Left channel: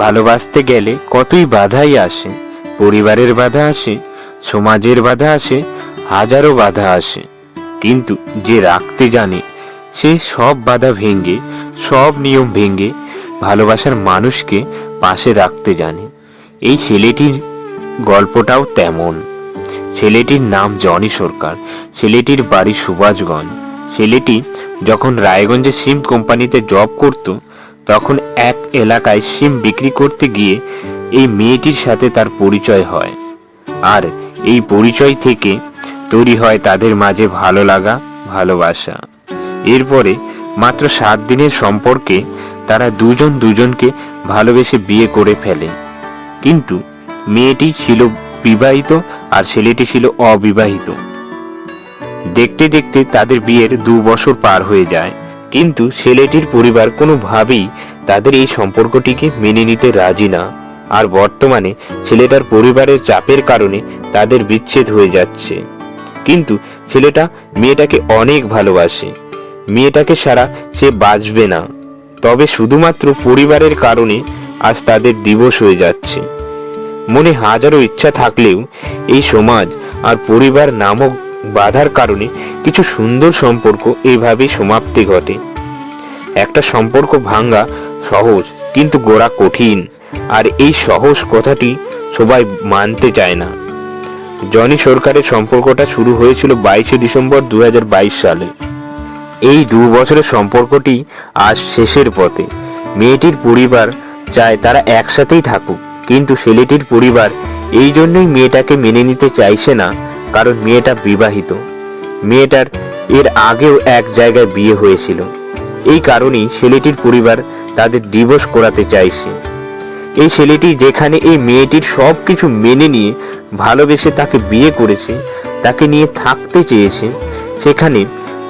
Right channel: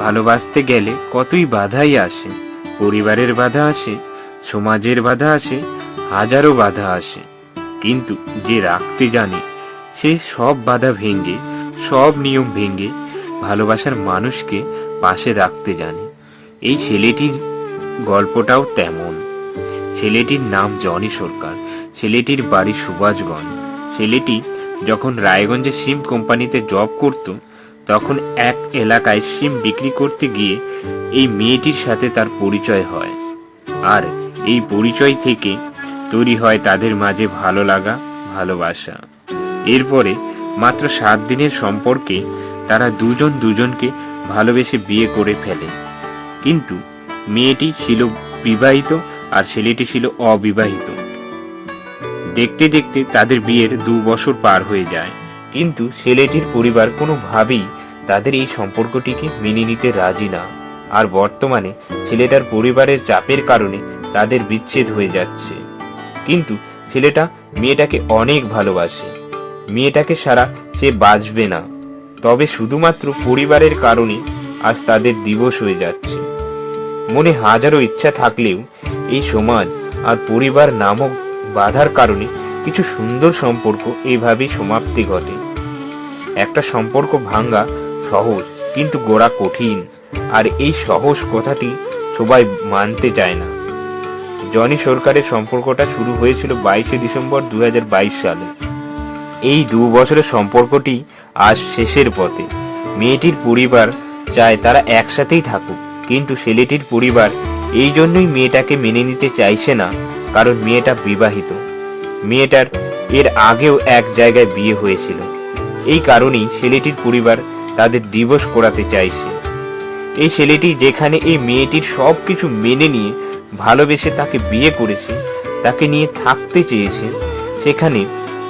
ভালোবাসতে গেলে কতই বাধাই আসে। পরিবারের বাধা আসে, সমাজের বাধা আসে, হাজারো বাধা আসে। কিন্তু যে রাখতে জানে সে সব বাধা ভেঙে, সব নিয়ম ভেঙে ভালোবাসার মানুষকে পাশে রাখতে জানে। এই ছেলেটির গল্পটাও তেমন। ছেলেটির নাম জনি সরকার। ছেলেটির বাড়ি সুভাষগঞ্জ। ছেলেটি যখন রায়গঞ্জে সিম কোম্পানিতে জব করত, তখন এক এলাকায় সিম বিক্রি করতে গিয়ে এই মেয়েটির সাথে তার পরিচয় হয়। আর এই পরিচয় থেকে তৈরি হয় তাদের মাঝে ভালো লাগা, ভালোবাসা। এরপরে মাত্র 7 দিনের সম্পর্কে তারা দুজন দুজনকে ভালোবেসে বিয়ে করে ফেলে। কিন্তু মেয়েটি ছিল বিবাহিত আর ছেলেটি ছিল অবিবাহিত। দেখতে দেখতে তাদের বিয়ের 2 বছর পার হয়ে যায়, কিন্তু ছেলেটির পরিবার কোনোভাবেই তাদের এই সম্পর্কটিকে মেনে নিতে রাজি না। আর বর্তমানে ছেলেটার পরিবারের চাপের কারণে তাদের বিচ্ছেদ হয়ে যাচ্ছে। কিন্তু ছেলেটা মেয়েটাকে অনেক ভালোবাসে। মেয়েটাকে ছাড়া সে বাঁচবে না। তবে শুধুমাত্র পরিবারের কারণে আজ তাদের দিবস হয়ে যাচ্ছে। মনে হাজারো ইচ্ছা থাকলেও এই সমাজ আর পরিবার নামক বাধার কারণে কিছু সুন্দর সম্পর্ক এভাবেই সমাপ্তি ঘটে। একটা সম্পর্ক ভাঙা সহজ, কিন্তু গোড়া কঠিন। আর এই সহজ কথাটি সবাই মানতে চায় না। জনি সরকারের সম্পর্কটা শুরু হয়েছিল 22 ডিসেম্বর 2022 সালে। এই 2 বছরের সম্পর্কটি আজ শেষের পথে। মেয়েটির পরিবার চায় তারা একসাথেই থাকুক, কিন্তু ছেলেটির পরিবার এই জন্যই মেয়েটাকে মেনে নিতে চাইছে না, কারণ মেয়েটা বিবাহিত। মেয়েটার এর আগেও এক জায়গায় বিয়ে হয়েছিল। এই কারণেই ছেলেটির পরিবার তাদের ডিভোর্স করাতে চাইছে। এই ছেলেটি যেখানে এই মেয়েটির সবকিছু মেনে নিয়ে ভালোবেসে তাকে বিয়ে করেছে, তাকে নিয়ে থাকতে চেয়েছে, সেখানে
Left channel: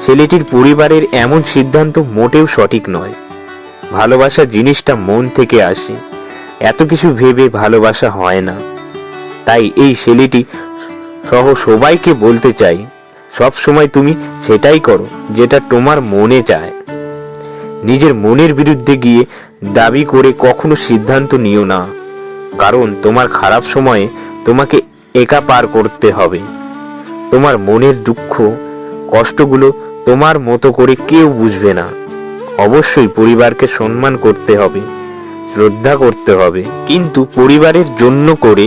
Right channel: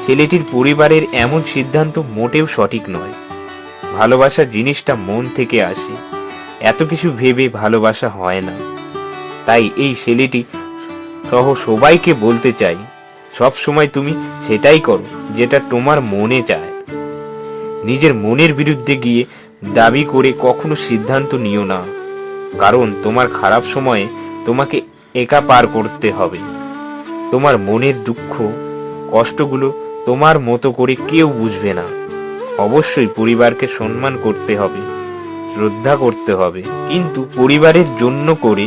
ছেলেটির পরিবারের এমন সিদ্ধান্ত মোটেও সঠিক নয়। ভালোবাসা জিনিসটা মন থেকে আসে। এত কিছু ভেবে ভালোবাসা হয় না। তাই এই ছেলেটি সহ সবাইকে বলতে চাই, সব সময় তুমি সেটাই করো যেটা তোমার মনে চায়। নিজের মনের বিরুদ্ধে গিয়ে দাবি করে কখনো সিদ্ধান্ত নিও না, কারণ তোমার খারাপ সময়ে তোমাকে একা পার করতে হবে। তোমার মনের দুঃখ কষ্টগুলো তোমার মতো করে কেউ বুঝবে না। অবশ্যই পরিবারকে সম্মান করতে হবে, শ্রদ্ধা করতে হবে, কিন্তু পরিবারের জন্য করে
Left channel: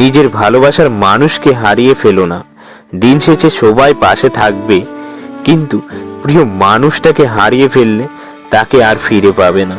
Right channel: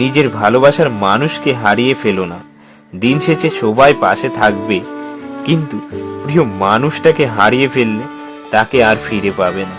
নিজের ভালোবাসার মানুষকে হারিয়ে ফেলো না। দিন শেষে সবাই পাশে থাকবে, কিন্তু প্রিয় মানুষটাকে হারিয়ে ফেললে তাকে আর ফিরে পাবে না।